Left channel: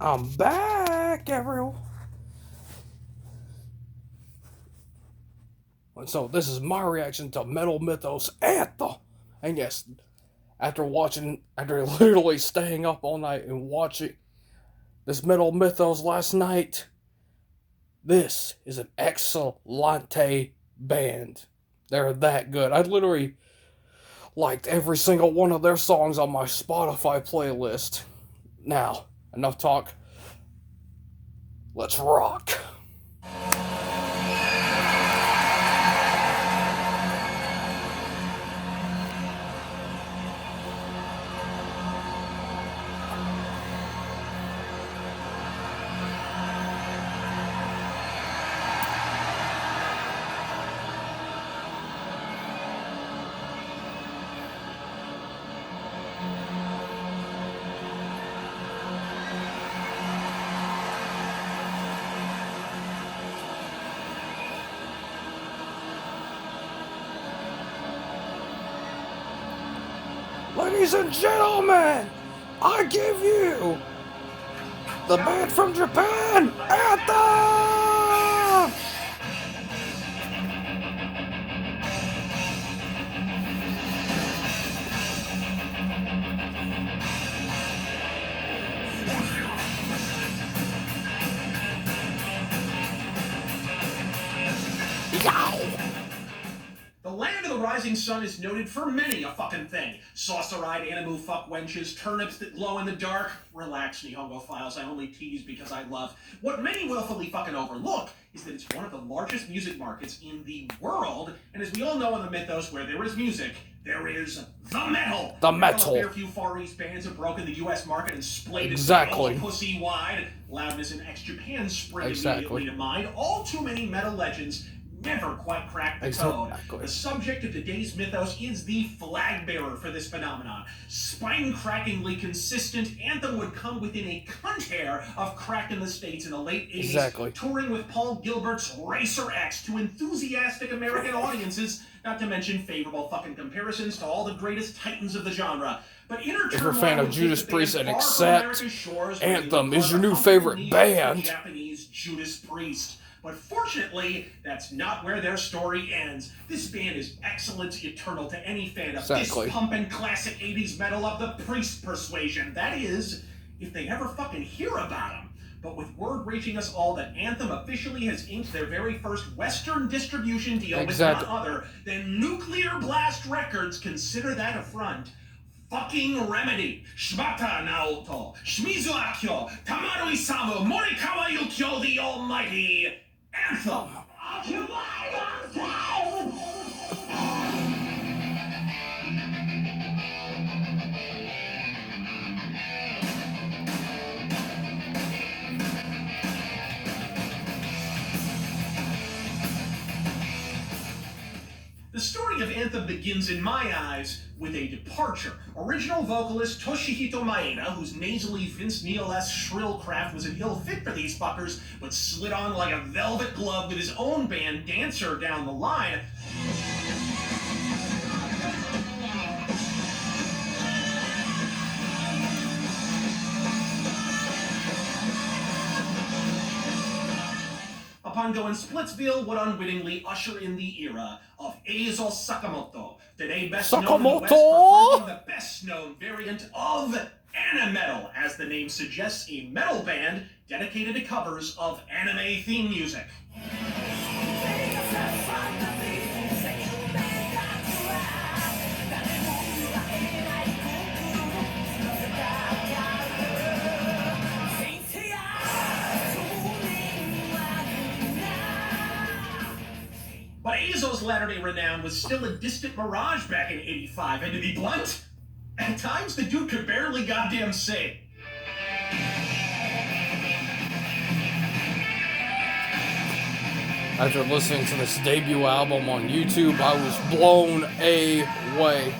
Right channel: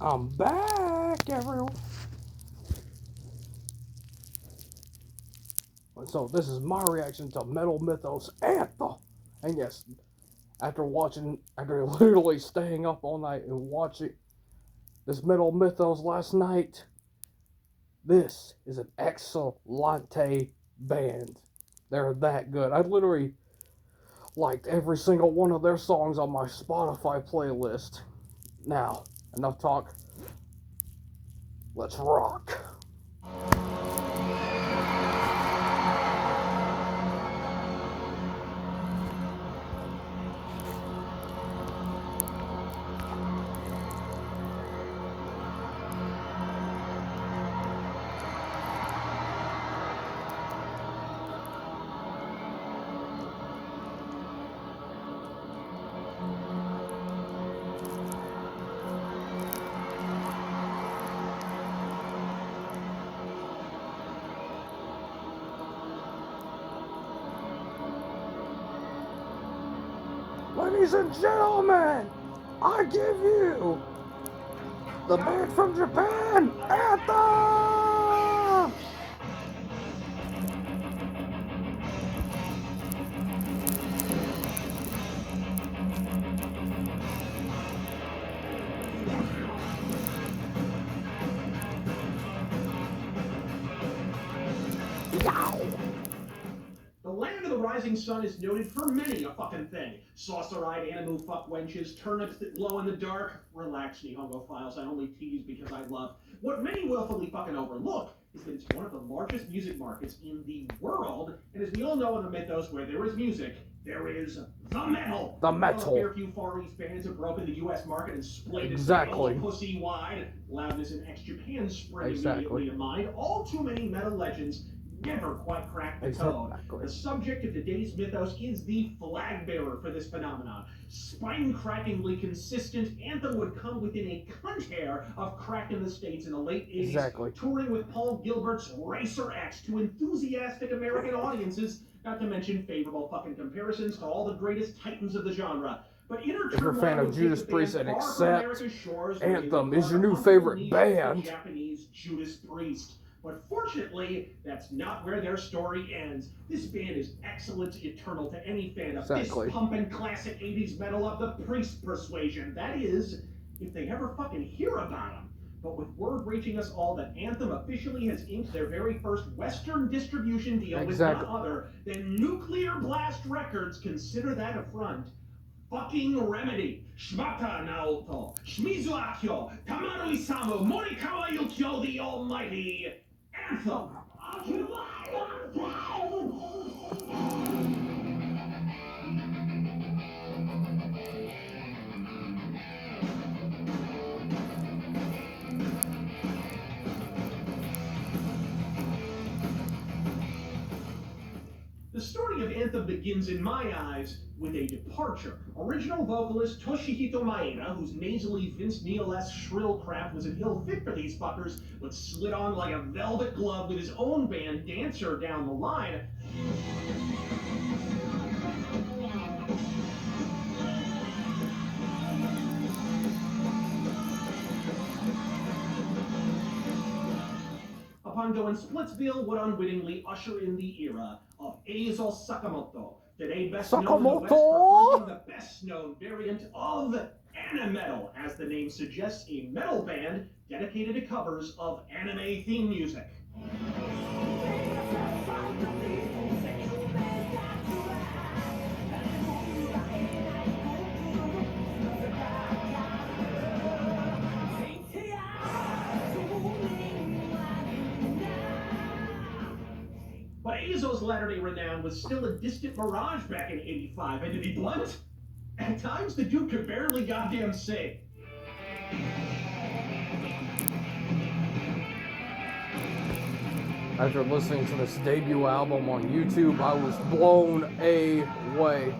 I'm back, everyone. And so this is my reaction to Metal Mythos Anthem. And yes, after literally staying up all night and watching this Metal Mythos last night, this is an excellente band. They're that good. I literally liked every single one of their songs on my Spotify playlist. Now, enough talk. Let's rock. Ladies and gentlemen, I give you the band from Japan, Anthem! The land of the rising sun is noted for many a fucking thing. Saucer-eyed animu fuck wenches, turnips that glow in the dark. Relax, Nihongo files, I only tease because I love. What many willfully fucking overlook is that it's one of the largest music markets in the world, and as we all know in the mythos, where there is music, there is the metal. The metal. A fair few Far East bands have broken the U.S. market and splayed Exactly. it pussy wide. Loudness and ex-Japan spring Exactly. immediately to mind. All too many metal legends never quite cracked the code. The subject of today's mythos is the flag bearer for this phenomenon. Spine-crackingly consistent, Anthem would come within a cunt hair of crack in the States in the late 80s, Exactly. touring with Paul Gilbert's Racer X to enthusiastic American audiences, not to mention favorable fucking comparisons to all the greatest titans of the genre. But if you're a fan of Judas Priest and accept Anthem is your new favorite band, Japanese Judas Priest. But fortunately, that's not where their story ends. This band is excellence eternal to any fan of this pumping classic 80s metal of the Priest persuasion. That is, if they ever fucking hear about them. But with word reaching us all that Anthem officially has inked their very first Western distribution deal with none other than Nuclear Blast Records, consider that a front. Fucking Remedy, Shibata Naoto, Shimizu Akio, Tamaru Isamu, Morikawa Yukio, the almighty Anthem. The story of Anthem begins, in my eyes, with a departure. Original vocalist Toshihito Maeda, whose nasally Vince Neil-esque shrill craft was an ill fit for these fuckers, but slid on like a velvet glove with his own band, Dancer, down the line. Upon going Splitsville would unwittingly usher in the era of Eizo Sakamoto, today best known in the West for the best known variant of Animetal, as the name suggests, a metal band dedicated to covers of anime theme music. But Eizo's latter-day renown was still a distant mirage back in '85, and to be blunt, at times the dude could barely goddamn sing. After listening to this debut album on YouTube, I was blown away.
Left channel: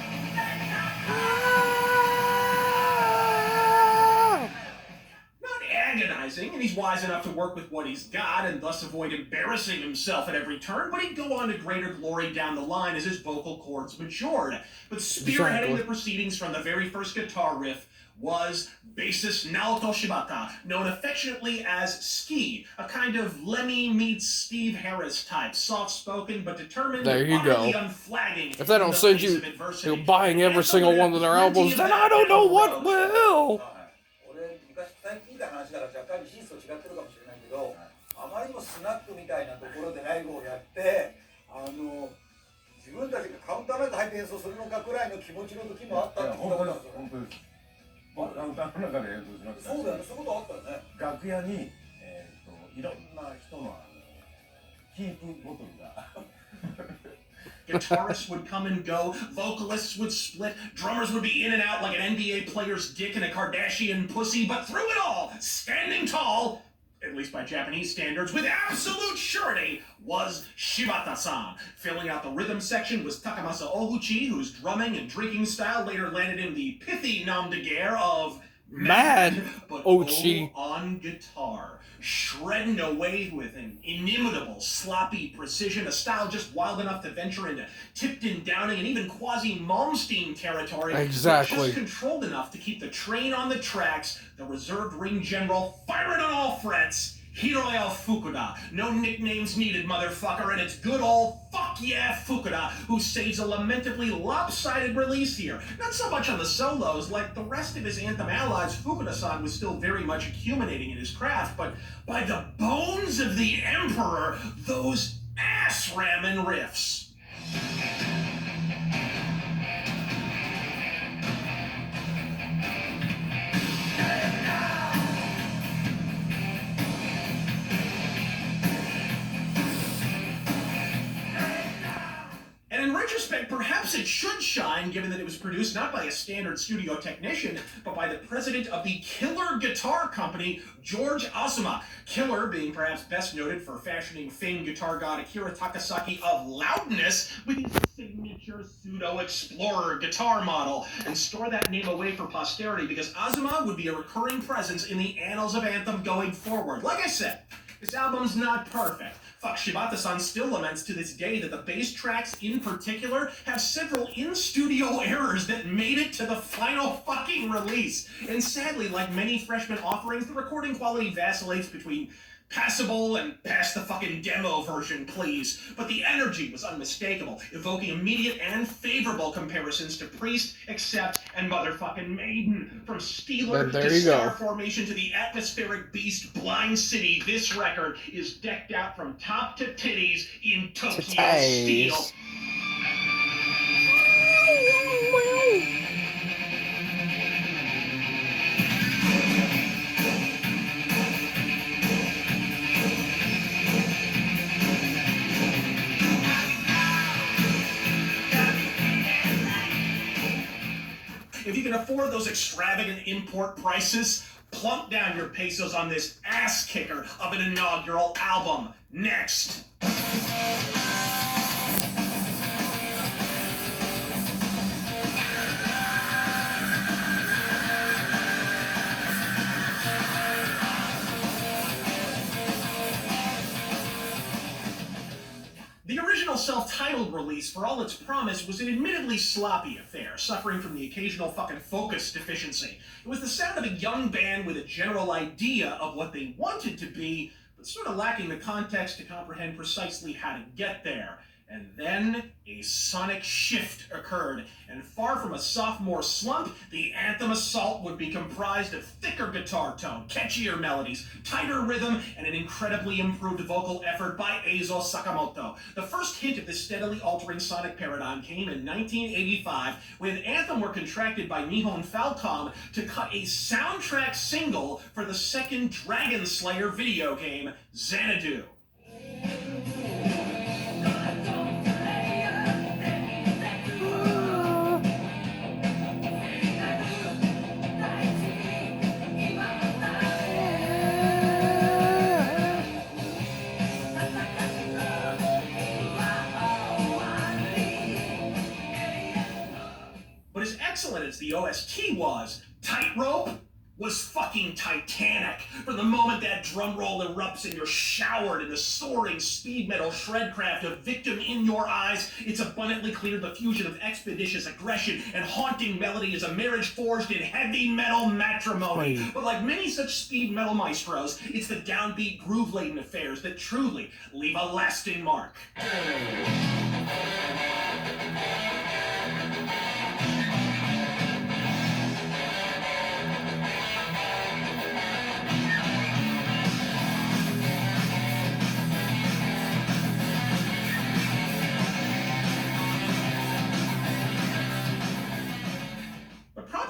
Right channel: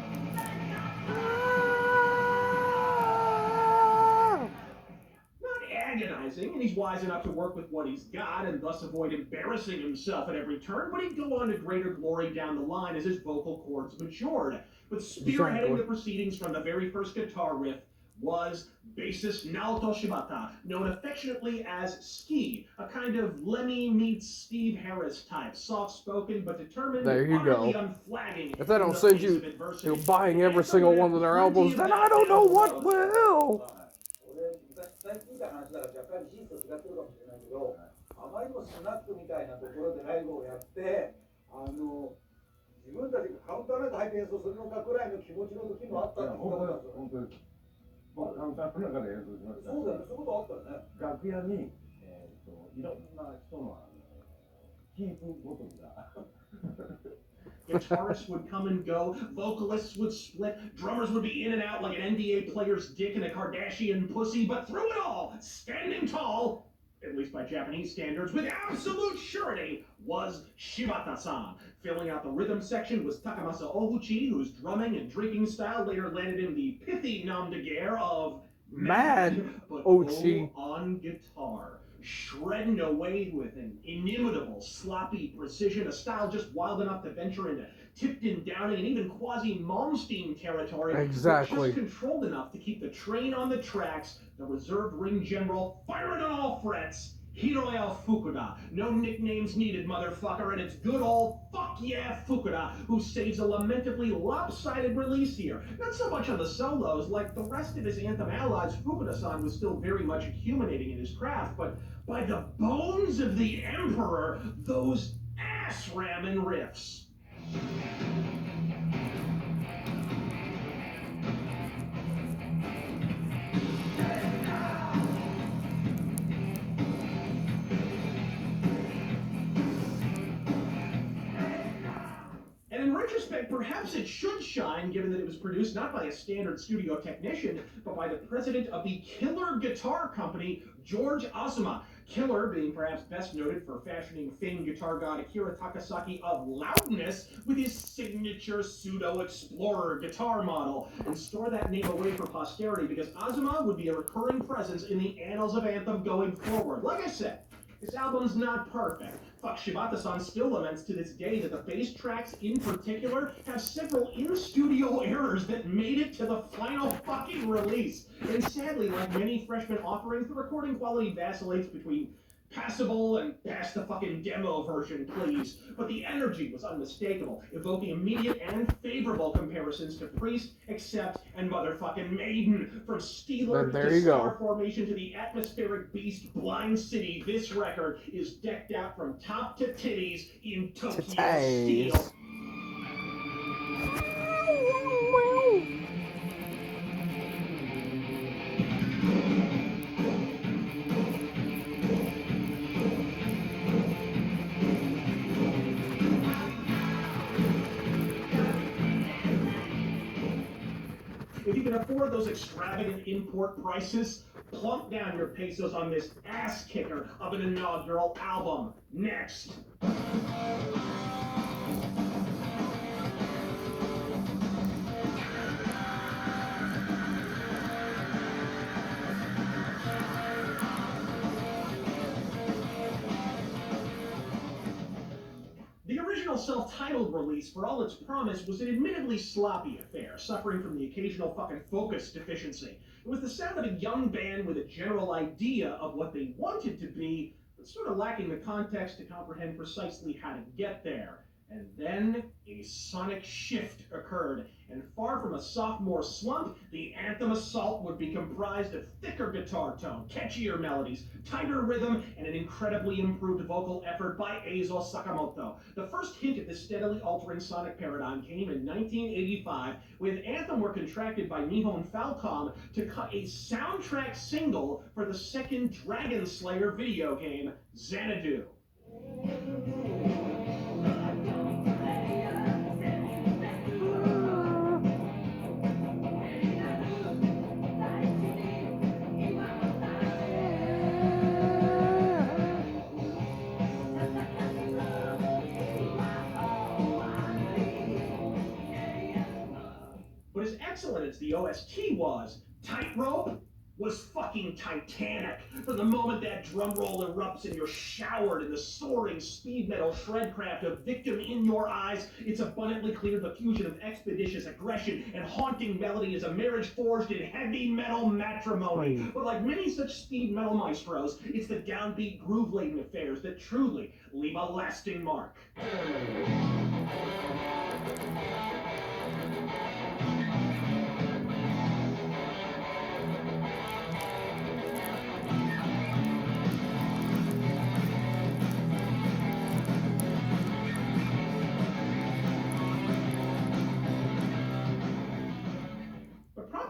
Agonizing, and he's wise enough to work with what he's got and thus avoid embarrassing himself at every turn, but he'd go on to greater glory down the line as his vocal cords matured. But spearheading the proceedings from the very first guitar riff was bassist Naoto Shibata, known affectionately as Ski, a kind of Lemmy meets Steve Harris type, soft-spoken but determined, there you utterly go. Unflagging. If they don't send you buying every single one of their albums, then I don't know what will. 最近見た話だから若干シースと違ってるかもしれないけど、あまりにもスナックみたいなところでライブをやって、自分たちがカウンターライト入って演奏するのかくらいの気持ちの時もあったってことなんですよ。本当です。僕カウンターの中で演奏しました。そうだよね、そういうことあったよね。楽屋にいろんな人のキープボトルが。Guitarists would come and go, vocalists would split, drummers would be in and out like an NBA player's dick and a Kardashian pussy, but through it all, standing tall, at least by Japanese standards, with absolute surety, was Shibata-san. Filling out the rhythm section was Takamasa Oguchi, whose drumming and drinking style later landed him the pithy nom de guerre of Mad but Ochi on guitar. Shredding away with an inimitable, sloppy precision, a style just wild enough to venture into Tipton, Downing, and even quasi-Malmsteen territory. Exactly. Just controlled enough to keep the train on the tracks, the reserved ring general firing on all frets, Hiroya Fukuda. No nicknames needed, motherfucker, and it's good old fuck yeah Fukuda who saves a lamentably lopsided release here. Not so much on the solos, like the rest of his Anthem allies, Fukuda-san was still very much accumulating in his craft, but by the bones of the Emperor, those ass-ramming riffs. And in retrospect, perhaps it should shine, given that it was produced not by a standard studio technician, but by the president of the Killer Guitar Company, George Asuma. Killer being perhaps best noted for fashioning famed guitar god Akira Takasaki of loudness with his signature pseudo-explorer guitar model. And store that name away for posterity, because Asuma would be a recurring presence in the annals of Anthem going forward. Like I said, this album's not perfect. Fuck, Shibata-san still laments to this day that the bass tracks in particular have several in-studio errors that made it to the final fucking release. And sadly, like many freshman offerings, the recording quality vacillates between passable and pass the fucking demo version, please. But the energy was unmistakable, evoking immediate and favorable comparisons to Priest, Accept, and motherfucking Maiden. From Steeler to Star Formation to the atmospheric beast Blind City, this record is decked out from top to titties in Tokyo steel. If you can afford those extravagant import prices, plunk down your pesos on this ass kicker of an inaugural album. Next. The original self-titled release, for all its promise, was an admittedly sloppy affair, suffering from the occasional fucking focus deficiency. It was the sound of a young band with a general idea of what they wanted to be, but sort of lacking the context to comprehend precisely how to get there. And then a sonic shift occurred, and far from a sophomore slump, the Anthem assault would be comprised of thicker guitar tone, catchier melodies, tighter rhythm, and an incredibly improved vocal effort by Eizo Sakamoto. The first hint of this steadily altering sonic paradigm came in 1985, when Anthem were contracted by Nihon Falcom to cut a soundtrack single for the second Dragon Slayer video game, Xanadu. But as excellent as the OST was, Tightrope was fucking fucking Titanic. From the moment that drum roll erupts and you're showered in the soaring speed metal shredcraft of Victim in Your Eyes, it's abundantly clear the fusion of expeditious aggression and haunting melody is a marriage forged in heavy metal matrimony. But like many such speed metal maestros, it's the downbeat, groove-laden affairs that truly leave a lasting mark.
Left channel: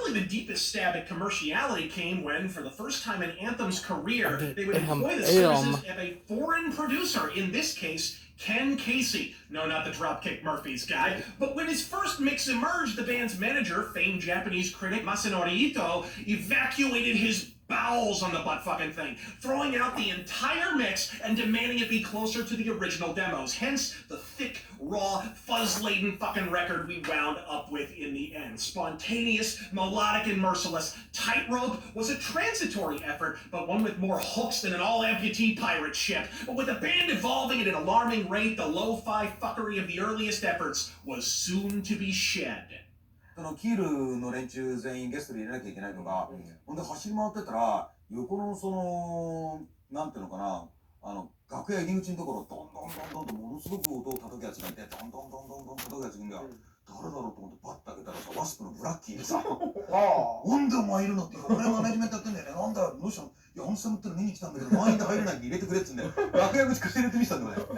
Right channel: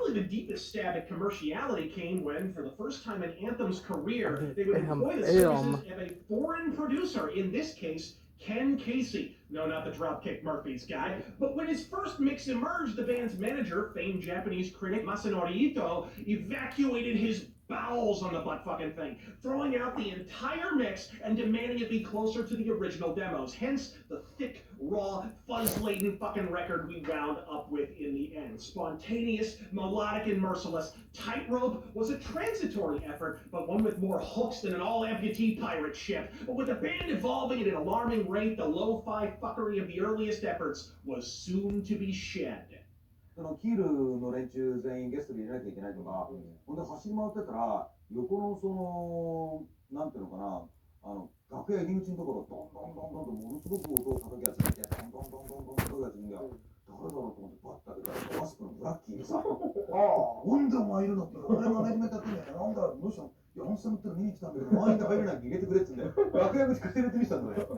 The deepest stab at commerciality came when, for the first time in Anthem's career, they would employ the services of a foreign producer, in this case, Ken Casey. No, not the Dropkick Murphys guy. But when his first mix emerged, the band's manager, famed Japanese critic Masanori Ito, evacuated his bowels on the butt-fucking thing, throwing out the entire mix and demanding it be closer to the original demos. Hence, the thick, raw, fuzz-laden fucking record we wound up with in the end. Spontaneous, melodic, and merciless, Tightrope was a transitory effort, but one with more hooks than an all-amputee pirate ship. But with the band evolving at an alarming rate, the lo-fi fuckery of the earliest efforts was soon to be shed. そのキールの連中全員ゲストで入れなきゃいけないとか、ほんで走り回ってたら横のそのなんていうのかな、楽屋入り口のところドンドンドンドンとものすごく音を叩くやつがいて、ドンドンドンドンドン叩くやつが誰だろうと思ってパッと開けたらさ、ワスプのブラッキーでさ、なんでお前いるのって言うから、俺がマネジメントやってんだよね。なんだどうしたの？いや、アンサムっての見に来たんだけど、満員で入れないんで入れてくれっつうんだよ。楽屋口貸して入れてみせたんだよ。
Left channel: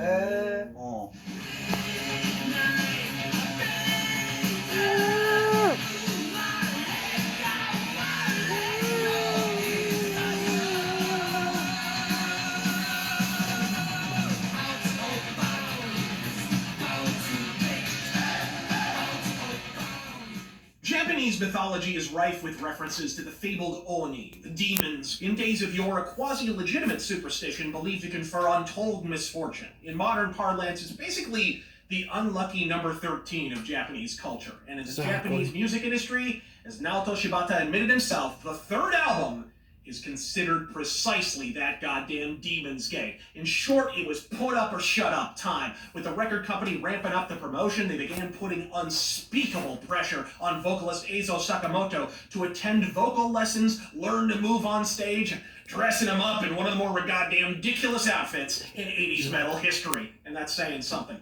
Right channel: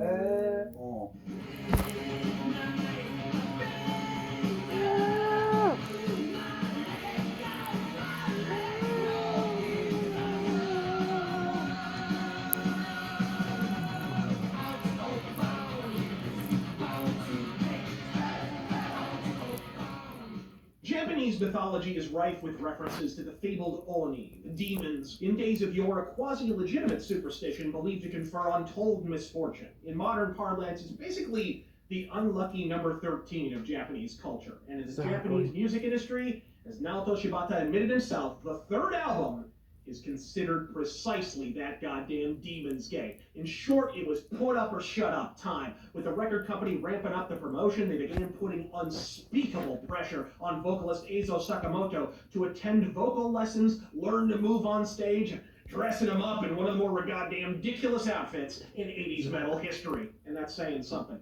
Japanese mythology is rife with references to the fabled Oni, the demons, in days of yore a quasi-legitimate superstition believed to confer untold misfortune. In modern parlance, it's basically the unlucky number 13 of Japanese culture. And in the Japanese music industry, as Naoto Shibata admitted himself, the third album is considered precisely that goddamn Demon's Gate. In short, it was put up or shut up time. With the record company ramping up the promotion, they began putting unspeakable pressure on vocalist Eizo Sakamoto to attend vocal lessons, learn to move on stage, dressing him up in one of the more goddamn ridiculous outfits in 80s metal history. And that's saying something.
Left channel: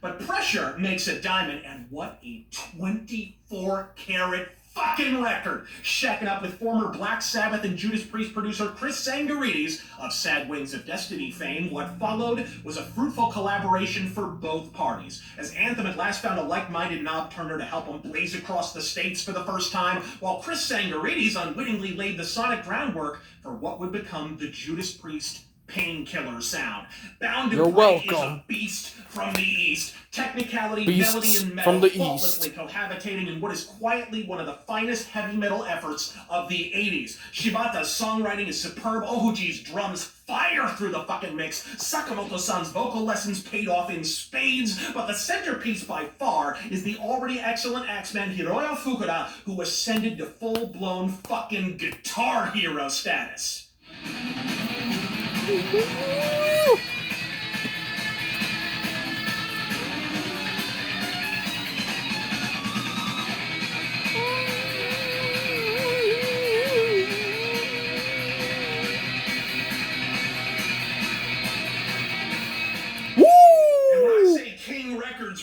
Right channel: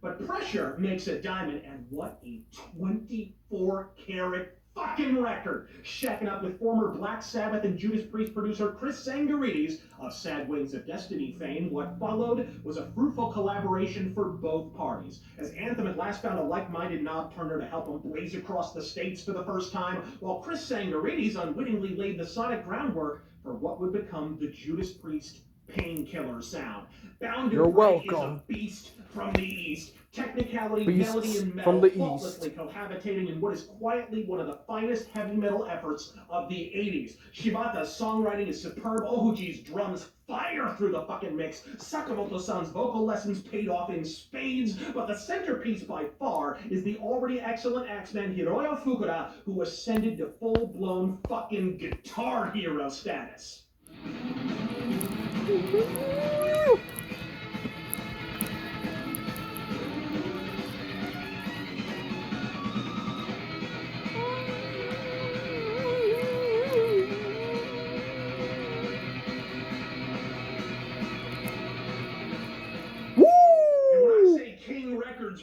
But pressure makes a diamond, and what a 24-karat fucking record! Shacking up with former Black Sabbath and Judas Priest producer Chris Sangarides of Sad Wings of Destiny fame, what followed was a fruitful collaboration for both parties, as Anthem at last found a like-minded knob-turner to help him blaze across the states for the first time, while Chris Sangarides unwittingly laid the sonic groundwork for what would become the Judas Priest Painkiller sound. Bound to Break is a beast from the East. Technicality, melody, and metal faultlessly cohabitating in what is quietly one of the finest heavy metal efforts of the 80s. Shibata's songwriting is superb. Ohuji's drums fire through the fucking mix. Sakamoto-san's vocal lessons paid off in spades. But the centerpiece by far is the already excellent axeman Hiroyo Fukuda, who ascended to full-blown fucking guitar hero status.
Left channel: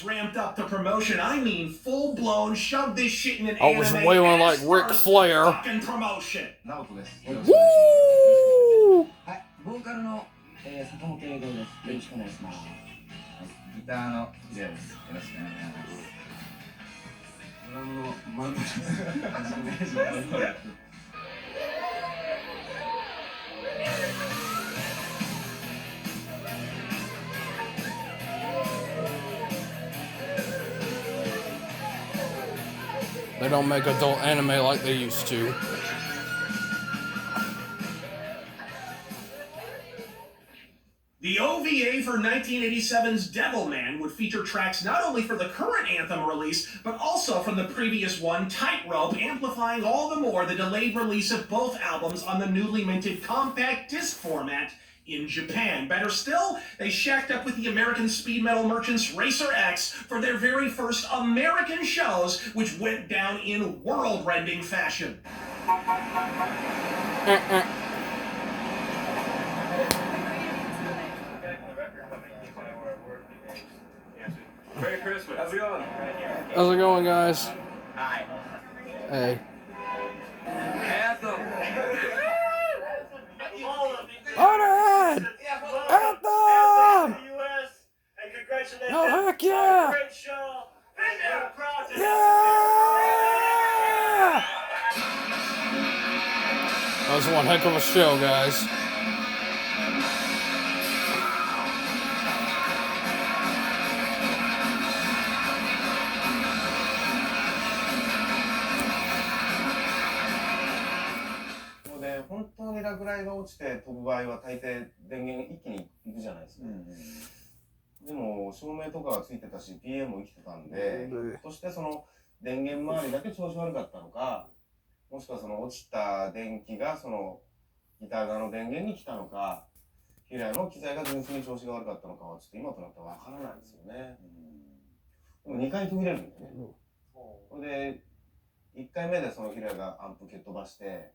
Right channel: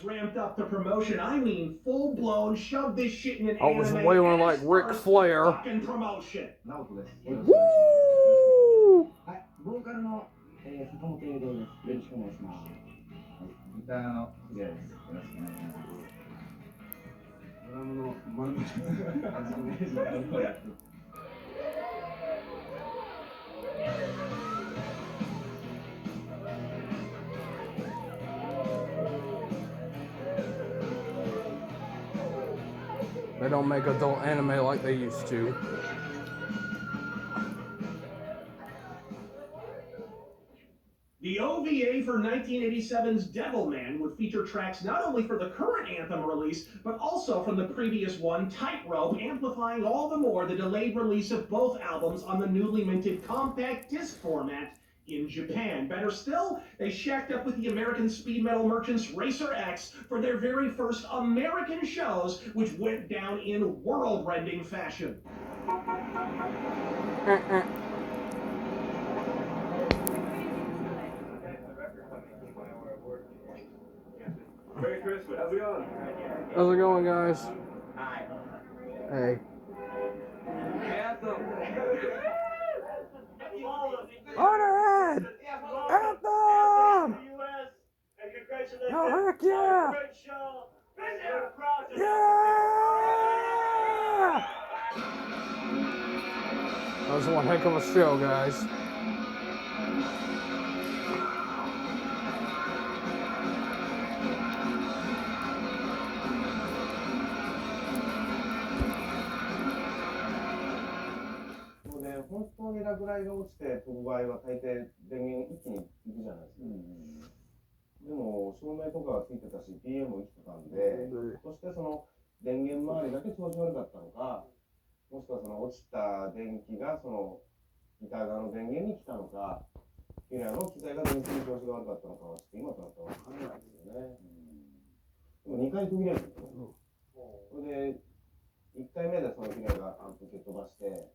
Ramped up the promotion. I mean, full-blown, shove this shit in an anime. I was wailing like Ric Flair. Fucking promotion. Woo! ボーカルの坂本英語です。よろしくお願いします。ギターのジェイです。よろしくお願いします。ドラムのマンドです。They don't make adult anime like they used to. The OVA for 1987's Devilman would feature tracks not only for the current Anthem release, but also from the previous one, Tightrope, amplifying all the more the delayed release of both albums on the newly minted compact disc format in Japan. Better still, they shacked up with the American speed metal merchants Racer X for their very first American shows, which went down in world-rending fashion. Merry Christmas. How's it going? How's it going, guys? Hi. Hey. Anthem. Alright! Anthem! Oh, heck yeah! Yeah! That was one heck of a show, guys.本当に落雷が落ちて飛ぶ場合は大抵電源一気にいくじゃないですか。でも照明とかがついてたし PM も生きてたんで、そしてその電源周りだけ調子悪かったのか、もしくはその落ちた電気がそのギター側の電源に来たのか、ヒラの機材が純粋に調子が悪かったのかはちょっと今となっては分からないですよね。でも2回途切れるんですね。それで1回目でそのヒラがアンプ蹴っ飛ばして、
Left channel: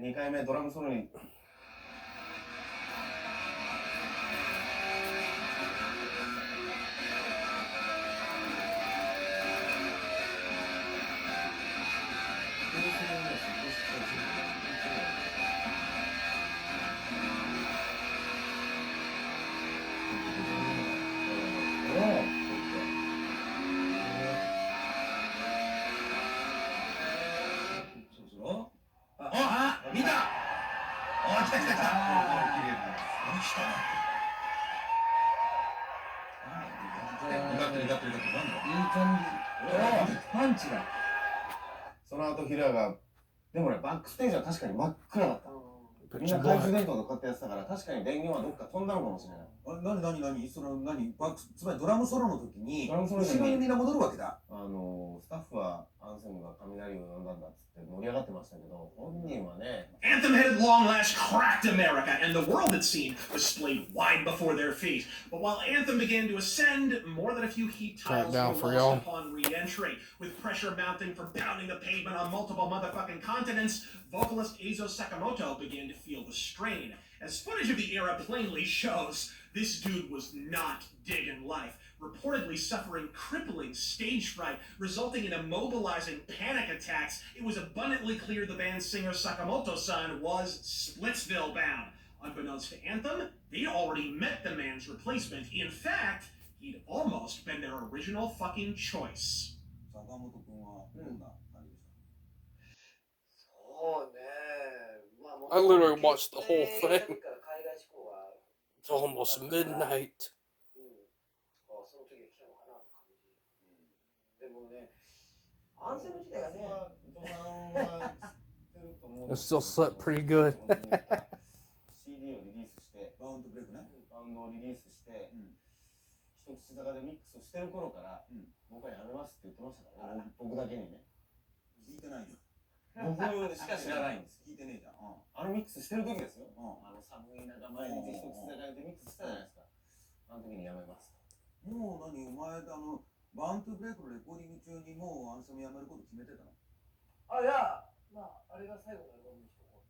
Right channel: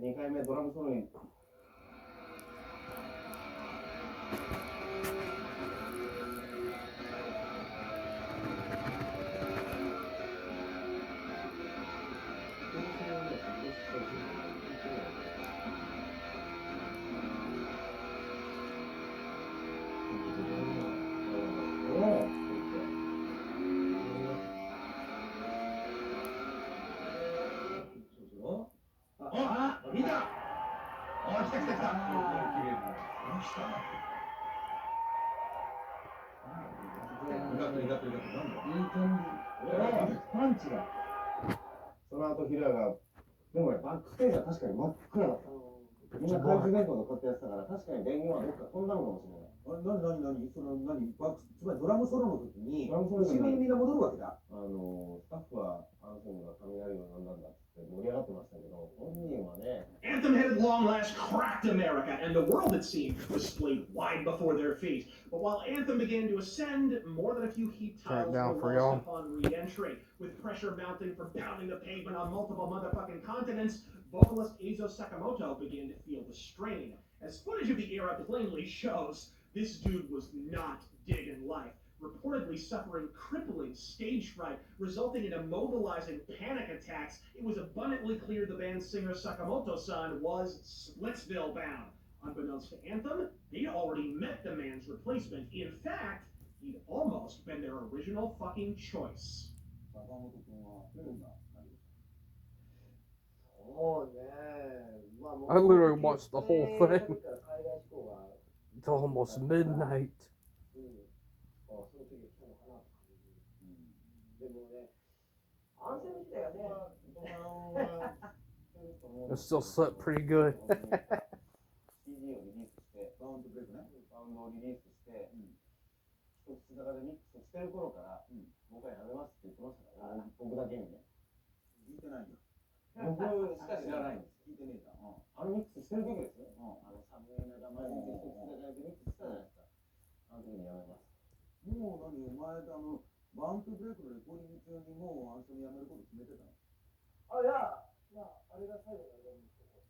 2回目ドラムソロにその後ヒラがでもねバックステージは確かに真っ暗だった。みんな懐中電灯とかってやってたから確かに電源はどっか飛んだのかもしれない。その何バックつまりドラムソロの時に後ろにみんな戻るわけだ。スタッフはアンセムが雷を呼んだんだっつって盛り上がってましたけど、本人はね。Anthem had at long last cracked America, and the world it seemed was splayed wide before their feet. But while Anthem began to ascend, more than a few heat tiles were lost upon re-entry, with pressure mounting from pounding the pavement on multiple motherfucking continents. Vocalist Eizo Sakamoto began to feel the strain. As footage of the era plainly shows, this dude was not digging life, reportedly suffering crippling stage fright, resulting in immobilizing panic attacks. It was abundantly clear the band's singer Sakamoto-san was Splitsville bound. Unbeknownst to Anthem, they'd already met the man's replacement. In fact, he'd almost been their original fucking choice. I literally watched the whole thing. It's almost midnight. It still slept pretty good. CD をリリースして、バウンドをリリースして、一口坂でミックスしてる頃から、僕はやめますって言ってましたからね、僕だけにね。聞いてないよ。僕しか知らないんです。聞いてねえじゃん。ミックスしてる時ですよ。寒い中毎日一口坂でミックスしたじゃないですか。あの時にやめます。もうお前バウンドブレイクのレコーディング中にもうアンセムやめること決めてたの？いや、あれが最後のアルバムにしとこう。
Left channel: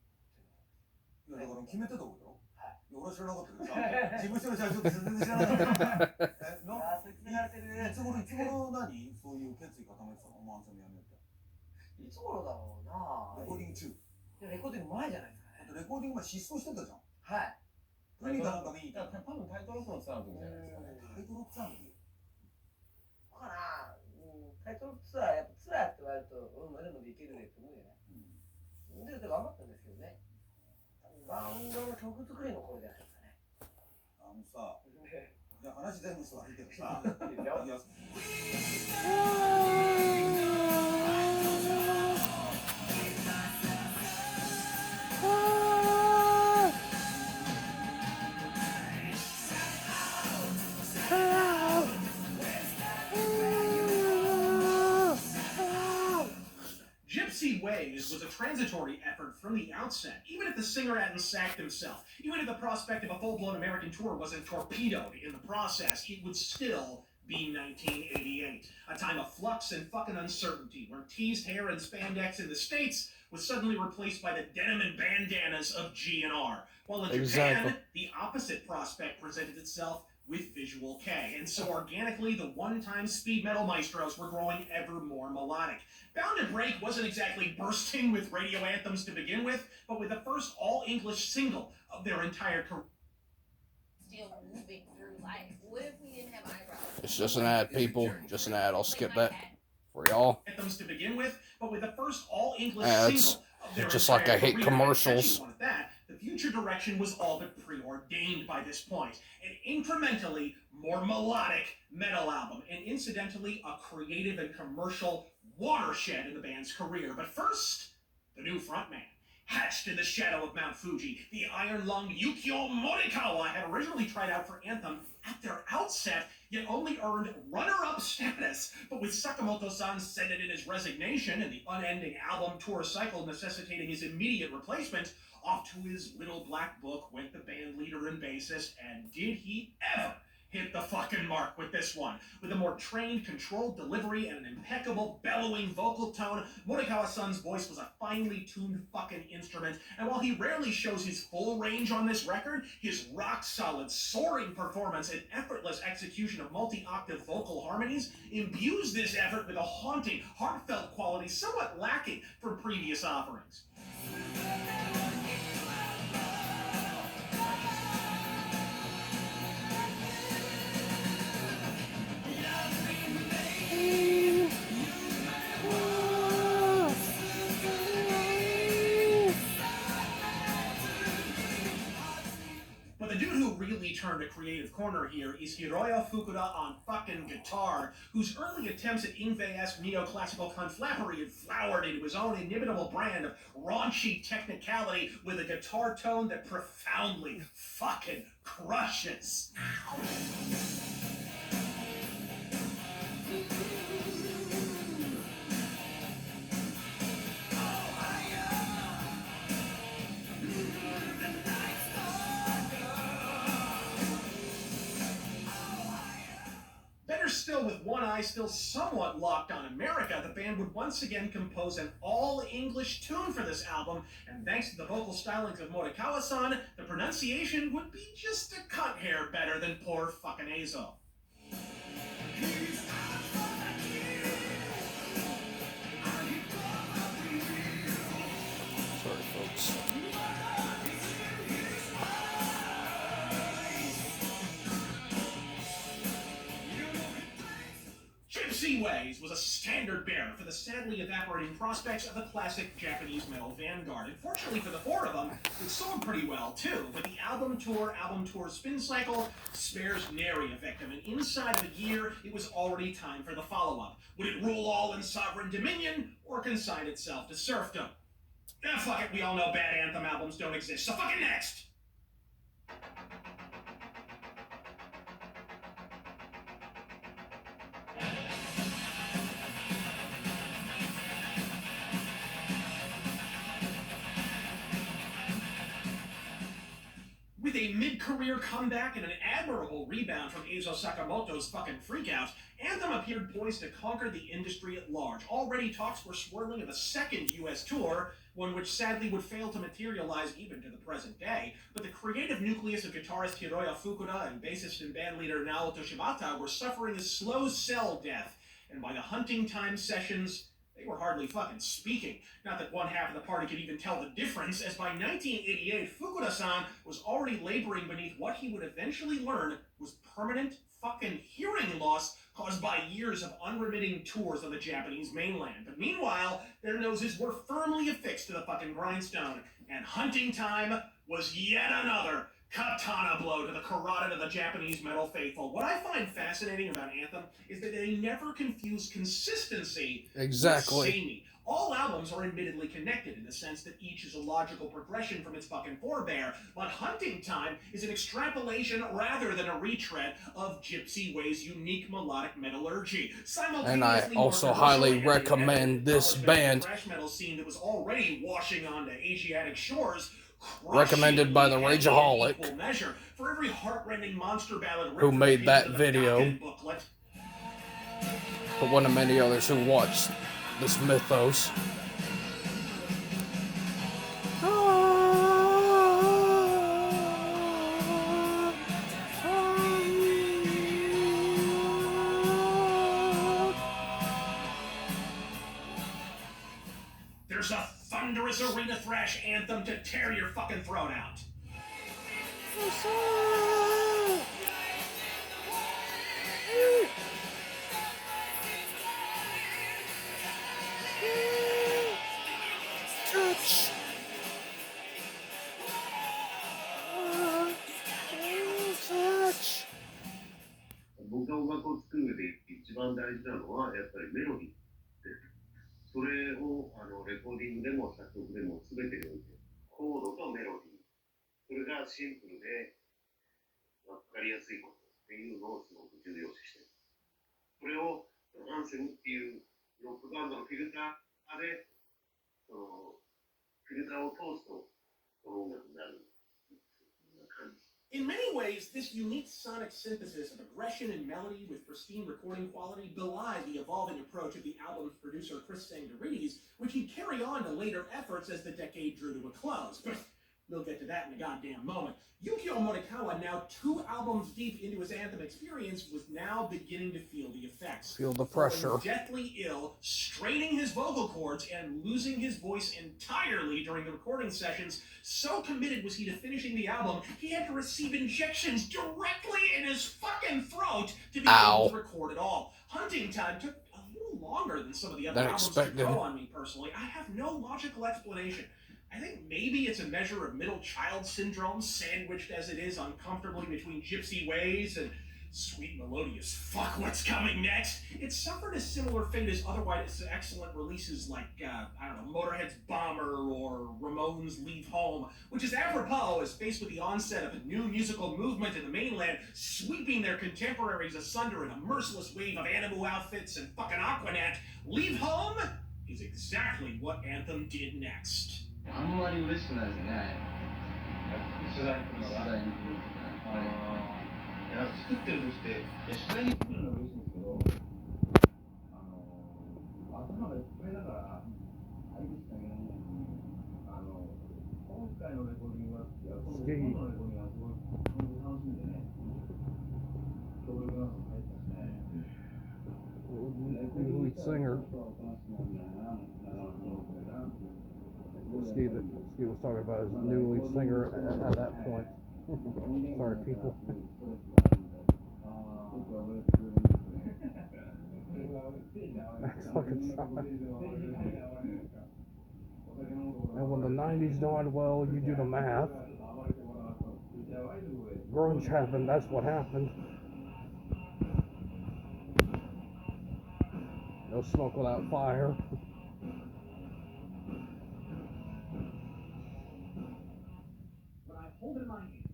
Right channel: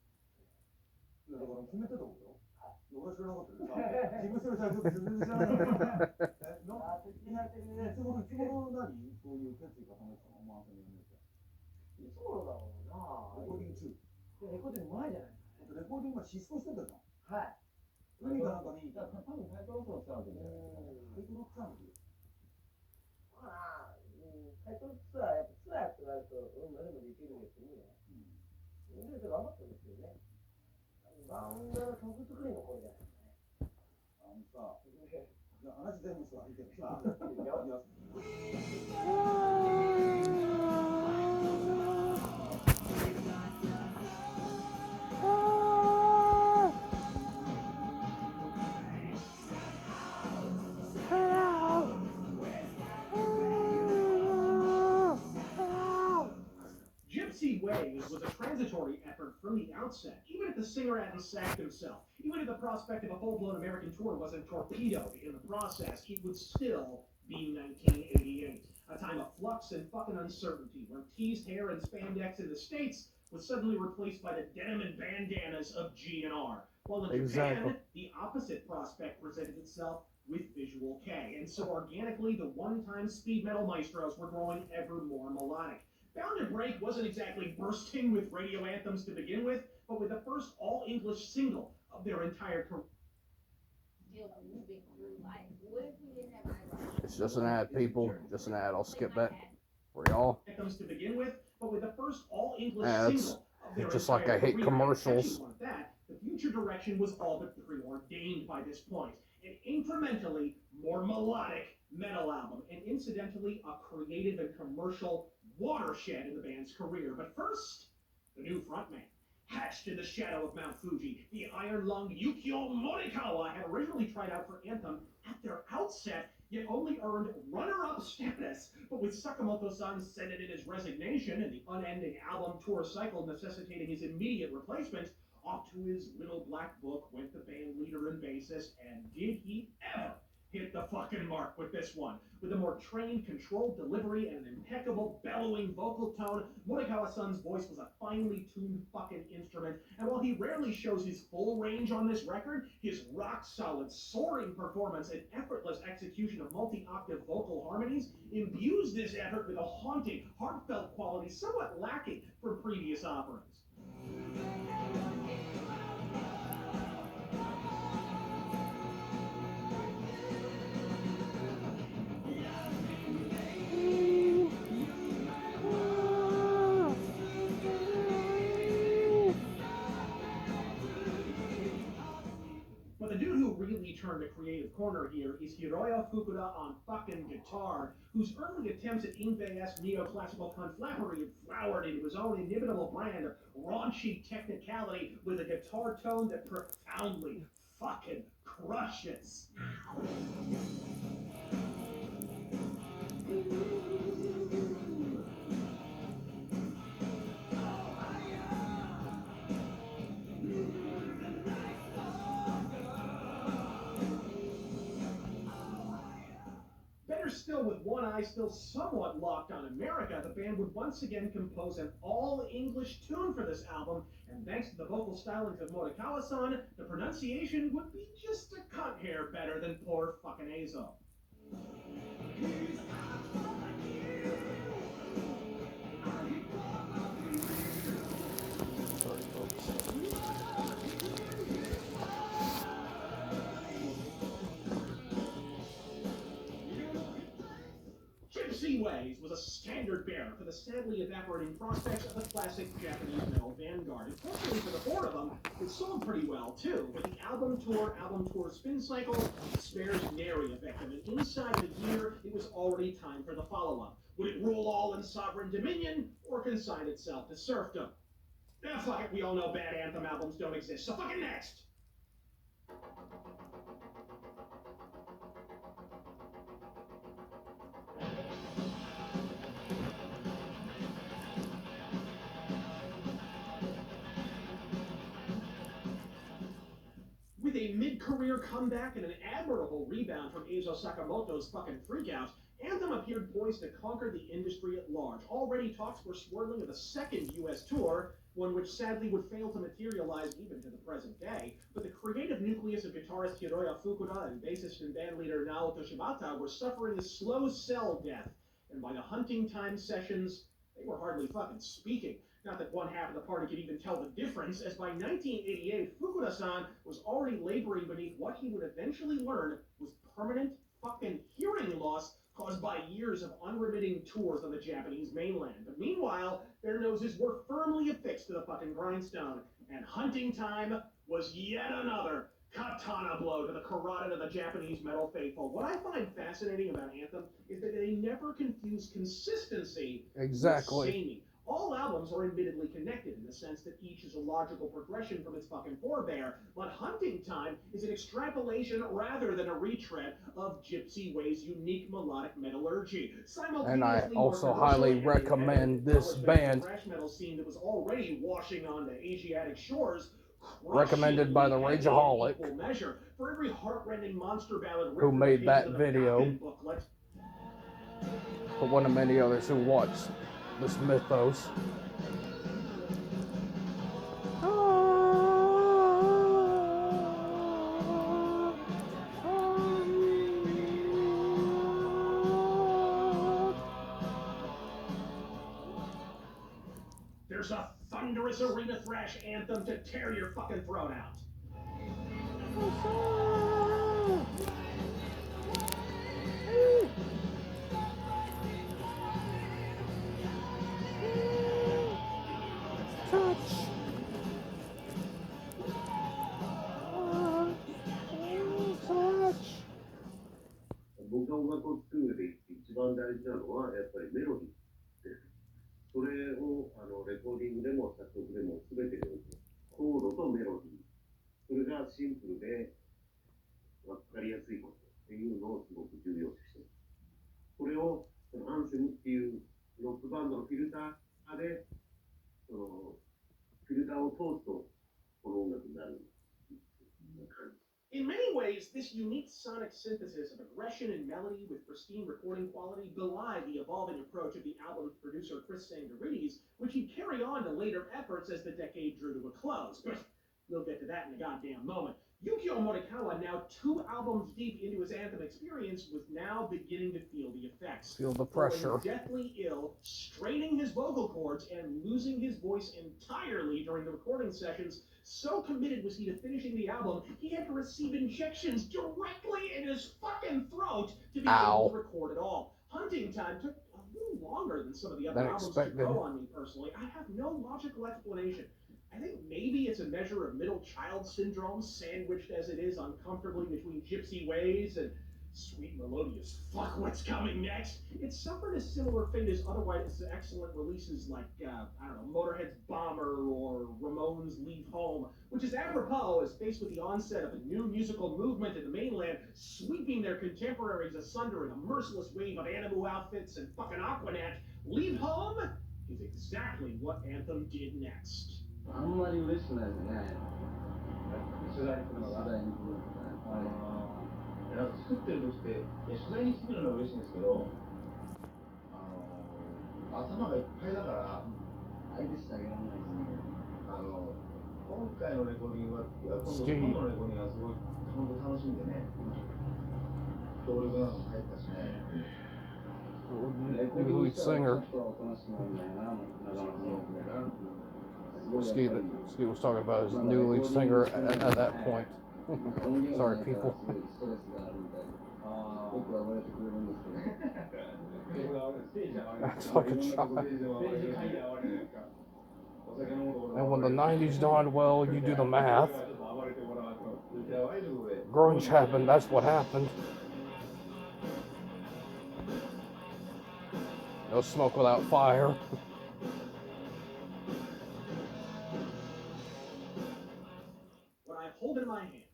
いやだから決めてたことよ。はい。俺は知らなかったけどさ、事務所の社長って全然知らなかった。いつ頃そういう決意固めてたの？アンセムやめるって。いつ頃だろうな。レコーディング中。レコーディング前じゃないですかね。レコーディング前失踪してたじゃん。はい。海がなんか見に行った。多分タイトロックのツアーの時じゃないですかね。タイトロックツアーの時。かな。タイトルツアー、やっぱツアーって言われると、まだまだいけるねって思うじゃない。で、頑張ったんですけどね。バンドの曲作りの頃じゃないですかね。さ、いや話全部そうだけどさ、Gypsy Ways was a transitory effort from the outset, even if the singer hadn't sacked himself, even if the prospect of a full-blown American tour wasn't torpedoed in the process, it would still be 1988, a time of flux and fucking uncertainty, where teased hair and spandex in the States was suddenly replaced by the denim and bandanas of G&R, while in Japan, the opposite prospect presented itself with Visual K, and so organically, the one-time speed metal maestros were growing ever more melodic. Bound to Break wasn't exactly bursting with radio anthems to begin with, but with the first all-English single of their entire career. Still moving through life. What if we didn't have eyebrows? It's just an ad, people. Just an ad. I'll skip that for y'all. Anthems to begin with, but with the first all-English Ads. single of their Just entire like I hate career. commercials. That, the future direction was all but preordained by this point. An incrementally more melodic metal album, and incidentally, a creative and commercial watershed in the band's career. But first, the new frontman. Hatched in the shadow of Mount Fuji, the iron-lunged Yukio Morikawa had originally tried out for Anthem at their outset, yet only earned runner-up status. But with Sakamoto-san sending in his resignation and the unending album tour cycle necessitating his immediate replacement, off to his little black book went the band leader and bassist, and did he ever hit the fucking mark with this one. With a more trained, controlled delivery and an impeccable, bellowing vocal tone, Morikawa-san's voice was a finely tuned fucking instrument, and while he rarely shows his full range on this record, his rock-solid, soaring performance and effortless execution of multi-octave vocal harmonies imbues this effort with a haunting, heartfelt quality somewhat lacking from previous offerings. Turned a creative corner here is Hiroya Fukuda on fucking guitar, whose early attempts at Ingve-esque neoclassical conflappery had flowered into his own inimitable brand of raunchy technicality with a guitar tone that profoundly fucking crushes. Still, with one eye still somewhat locked on America, the band would once again compose an all-English tune for this album, and thanks to the vocal stylings of Morikawa-san, the pronunciation would be just a cut hair better than poor fucking Azo. Sorry, folks. Gypsy Ways was a standard bearer for the sadly evaporating prospects of the classic Japanese metal vanguard. And fortunately for the four of them, it sold pretty well too, but the album tour spin cycle spares nary a victim, and inside of a year, it was already time for the follow-up. Would it rule all in sovereign dominion, or consign itself to serfdom? Fuck it, we all know bad anthem albums don't exist, so fucking next! With a mid-career comeback and an admirable rebound from Eizo Sakamoto's fucking freakout, Anthem appeared poised to conquer the industry at large. Already talks were swirling of a second U.S. tour, one which sadly would fail to materialize even to the present day, but the creative nucleus of guitarist Hiroya Fukuda and bassist and bandleader Naoto Shibata were suffering a slow cell death, and by the hunting time sessions, they were hardly fucking speaking. Not that one half of the party could even tell the difference, as by 1988, Fukuda-san was already laboring beneath what he would eventually learn was permanent fucking hearing loss caused by years of unremitting tours on the Japanese mainland. But meanwhile, their noses were firmly affixed to the fucking grindstone, and hunting time was yet another katana blow to the carotid of the Japanese metal faithful. What I find fascinating about Anthem is that they never confuse consistency with samey. All albums are admittedly connected in the sense that each is a logical progression from its fucking forebear, but Hunting Time is an extrapolation rather than a retread of Gypsy Way's unique melodic metallurgy. And I also highly recommend this band. Thrash metal scene that was already washing onto Asiatic shores. Recommended by the Rageaholic, measure for every heartrending monster ballad who made that video, but one of many others who watched this mythos. There's a thunderous arena thrash anthem to tear your fucking throat out. Touch. Touch. 僕が音楽を作る上で一番大事なのはやっぱりメロディーです。それをレコーディングでも作曲でも全てにおいてコードとメロディー、それがシンプルで分かりやすいことっていうのをすごく重要視している。それをアンセムっていうロックバンドのフィルターでフィルターを通すとこの音楽になる。 In many ways, this unique sonic synthesis of aggression and melody with pristine recording quality belied the evolving approach of the album's producer Chris Sangarides, which he'd carry on to later efforts as the decade drew to a close. We'll get to that in a goddamn moment. Yukio Morikawa, now 2 albums deep into his Anthem experience, was now beginning to feel the effects. Feel the pressure. Falling deathly ill, straining his vocal cords, and losing his voice entirely during the recording sessions. So committed was he to finishing the album, he had to receive injections directly in his fucking throat to be able to record it all. Hunting Time took a little longer than some of the other albums to grow on me personally. I have no logical explanation. I think maybe it's a measure of middle child syndrome, sandwiched as it is uncomfortably between Gypsy Ways and sweet melodious fuck what's coming next. It suffered a similar fate as otherwise excellent releases like, I don't know, Motorhead's Bomber or Ramones' Leave Home, which is apropos as faced with the onset of a new musical movement in the mainland, sweeping their contemporaries asunder in a merciless wave of Animu outfits and fucking Aquanet. Leave Home is exactly what Anthem did next. あんまり嬉しくないですね。取材に来るのが。作ってる時って、取材に来るのは嬉しいんですけど、頭がいっぱいだから、相手してあげられないですね。今回のレコーディングは、今度のレコーディングはすごい、本当楽しんでね、協力なども入ったしね。Lead singer. Ski was talking about his new lead singer at that point. Sorry, people. That's fucking shot. And when the 90s dawned, well, you do the math. Grunge happened, that's what happened. No smoke without fire. Hold in my hand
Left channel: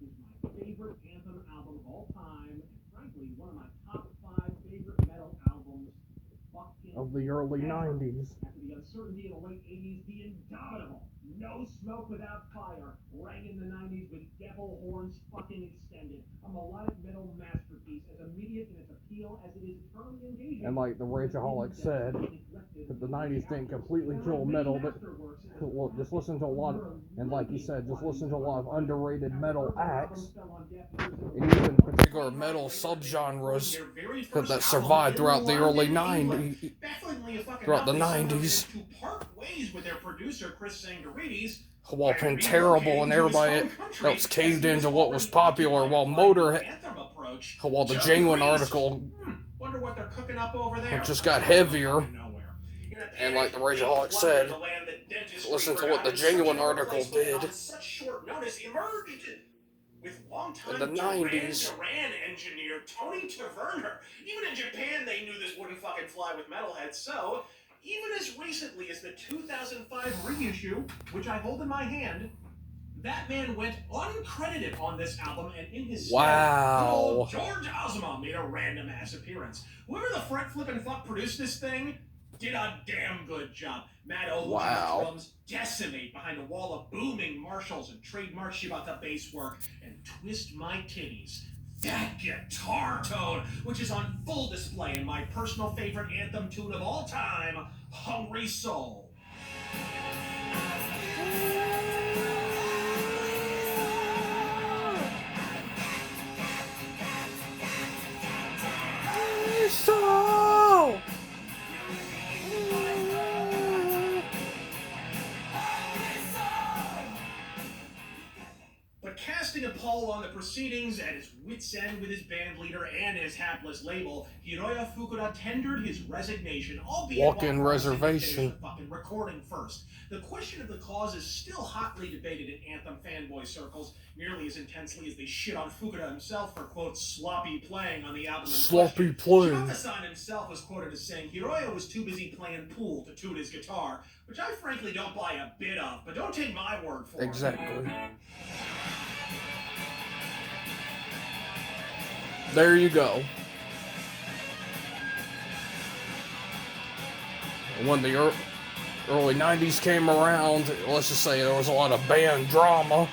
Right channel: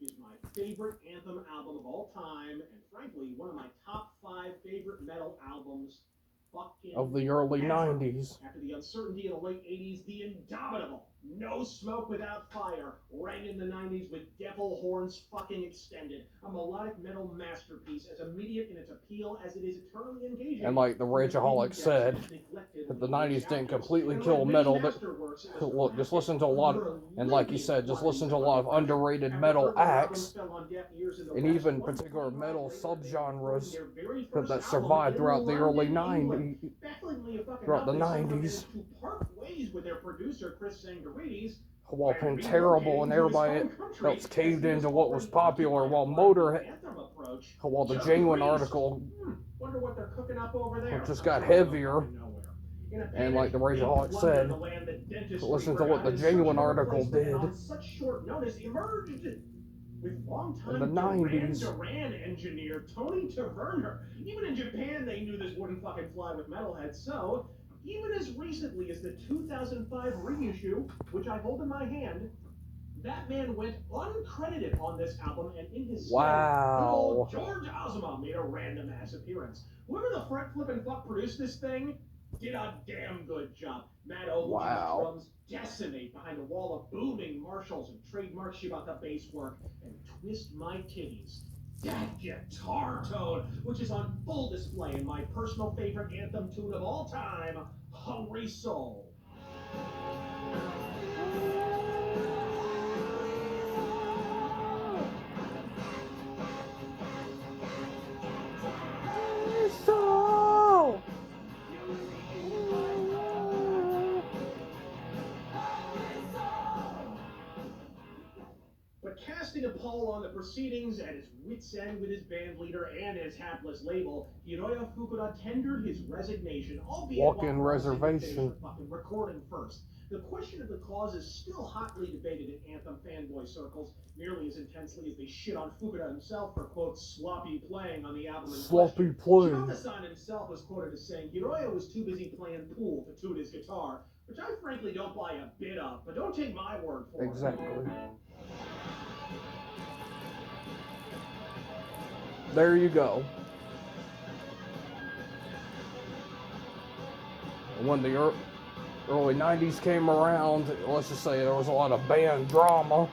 is my favorite Anthem album of all time, and frankly, one of my top 5 favorite metal albums of the early 90s. After the uncertainty in the late 80s, the indomitable No Smoke Without Fire rang in the 90s with Devil Horns fucking extended, a melodic metal masterpiece as immediate in its appeal as it is eternally engaging. And like the Rageaholic said, that the 90s didn't completely kill metal, but look, just listen to a lot of, and like he said, just listen to a lot of underrated metal acts, and even particular metal subgenres that survived throughout the early 90s, throughout the 90s. While being terrible and everybody else caved into what was popular, while while the Genuine article just got heavier, and like the Rageaholic said, listen to what the Genuine article did in the 90s. Duran engineer Tony Taverner. Even in Japan, they knew this wouldn't fucking fly with metalheads, so even as recently as the 2005 reissue, which I hold in my hand, that man went uncredited on this album, and in his stead, good old George Ozma made a random ass appearance. Whoever the fret flippin' fuck produced this thing did a damn good job. Matt Oldham drums decimate behind a wall of booming Marshalls and trademark Shibata bass work, and twist my titties. That guitar tone, which is on full display in my personal favorite anthem tune of all time, Hungry Soul. But casting a poll on the proceedings at his wit's end with his band leader and his hapless label, Hiroya Fukuda tendered his resignation, albeit walk-in reservation. Fucking recording first. The question of the cause is still hotly debated in Anthem fanboy circles, nearly as intensely as they shit on Fukuda himself for, quote, sloppy playing on the album. Sloppy playing. Shibata-san himself was quoted as saying Hiroya was too busy playing pool to tune his guitar, which I frankly don't buy a bit of, but don't take my word for it. Exactly. There you go. When the early 90s came around, let's just say there was a lot of band drama.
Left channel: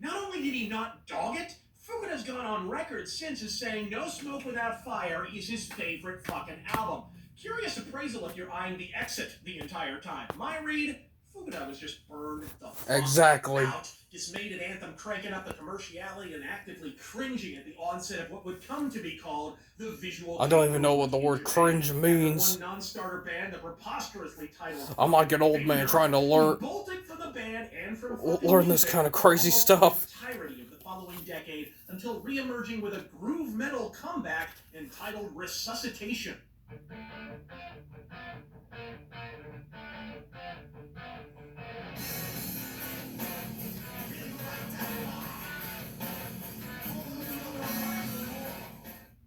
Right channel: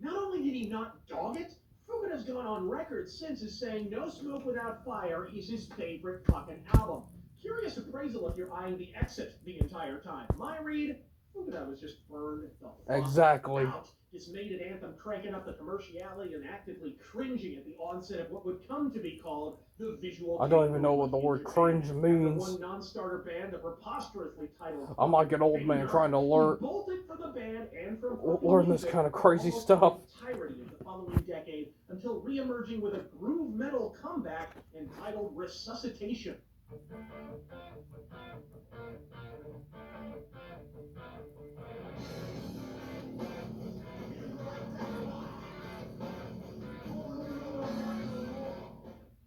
Not only did he not dog it, Fukuda's gone on record since as saying No Smoke Without Fire is his favorite fucking album. Curious appraisal if you're eyeing the exit the entire time. My read, Fukuda was just burned the fuck out. Dismayed at Anthem cranking up the commerciality and actively cringing at the onset of what would come to be called the visual. I don't even know what the word cringe means. One non-starter band, the preposterously titled. I'm like an old man trying to learn From the band and from this kind of crazy stuff. Entirety of the following decade until re-emerging with a groove metal comeback entitled Resuscitation.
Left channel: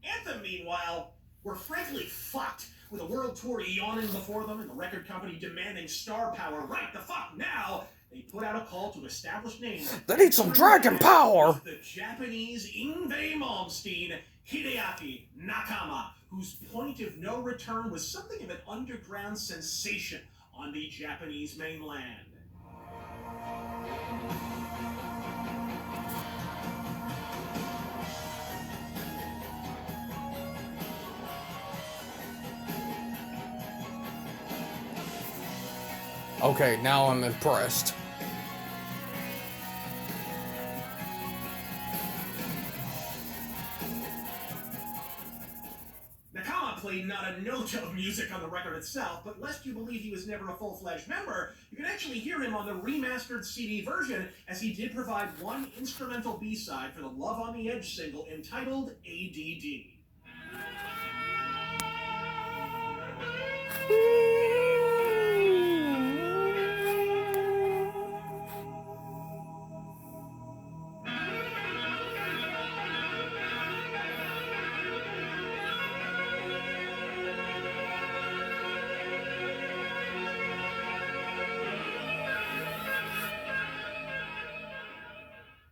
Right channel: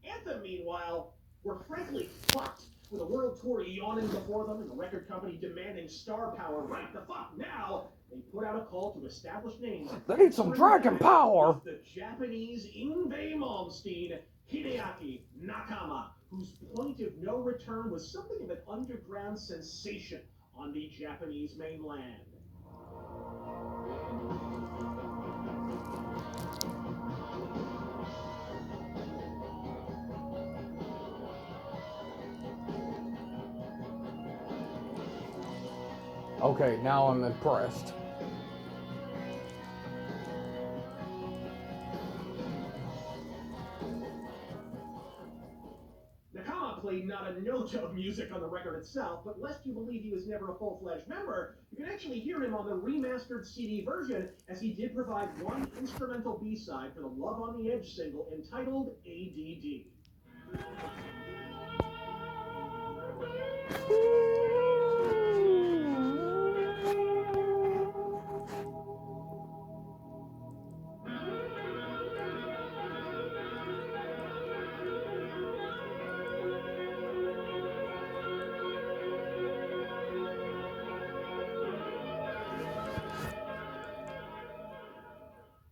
Anthem, meanwhile, were frankly fucked, with a world tour yawning before them and the record company demanding star power right the fuck now. They put out a call to established names. They need some dragon power. The Japanese Yngwie Malmsteen, Hideaki Nakama, whose point of no return was something of an underground sensation on the Japanese mainland. Okay, now I'm impressed. Nakama played not a note of music on the record itself, but lest you believe he was never a full-fledged member, you can actually hear him on the remastered CD version, as he did provide one instrumental B-side for the Love on the Edge single entitled ADD.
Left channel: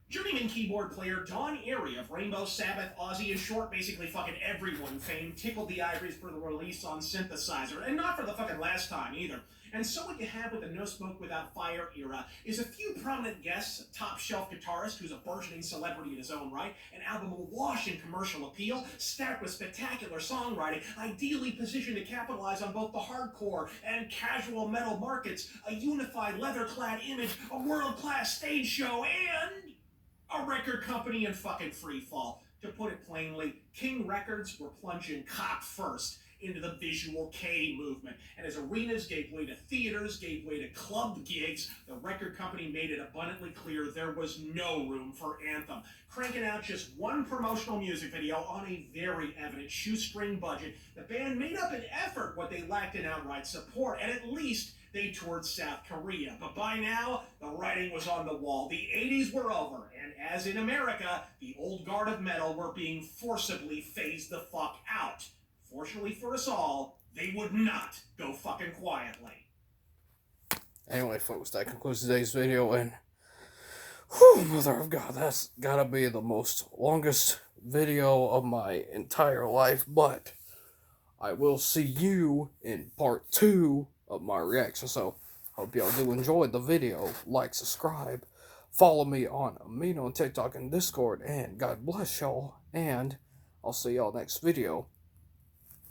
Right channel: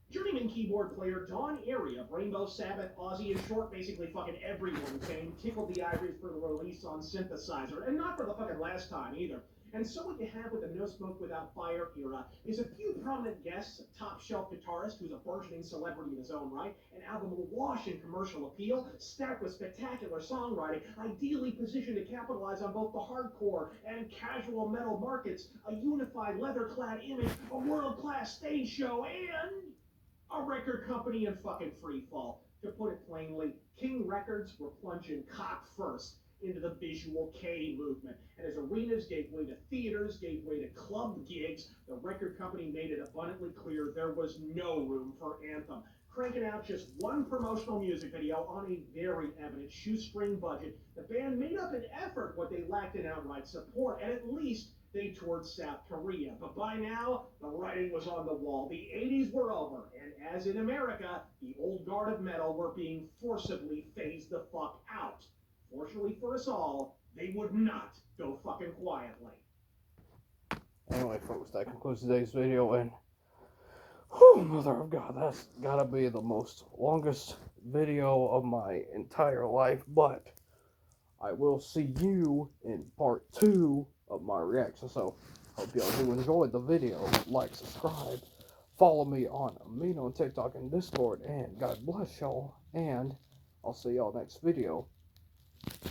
Journeyman keyboard player Don Airey of Rainbow, Sabbath, Ozzy, and short, basically fucking everyone fame tickled the ivories for the release on synthesizer, and not for the fucking last time either. And so what you have with the No Smoke Without Fire era is a few prominent guests, a top-shelf guitarist who's a burgeoning celebrity in his own right, an album awash in commercial appeal, stacked with spectacular songwriting, ideally positioned to capitalize on both the hardcore and casual metal markets, a unified leather-clad image, a world-class stage show, and a record company in fucking free fall. To put it plainly, King Records were plunging cock first into the visual K movement. And as arenas gave way to theaters, gave way to club gigs, the record company made it abundantly clear there was no room for Anthem. Cranking out just one promotional music video on a very evident shoestring budget, the band made up an effort what they lacked in outright support, and at least they toured South Korea. But by now, the writing was on the wall. The 80s were over, and as in America, the old guard of metal were being forcibly phased the fuck out. Fortunately for us all, they would not go fucking quietly. Anyway, folks, that concludes today's video, and whew, mother of God, that's gotta be the most longest video of my entire life, but I will see you in part 2 of my reaction. So, hope y'all do enjoy the video. Like, subscribe, follow me on Amino on TikTok and Discord, and God bless y'all, and I'll see y'all next video.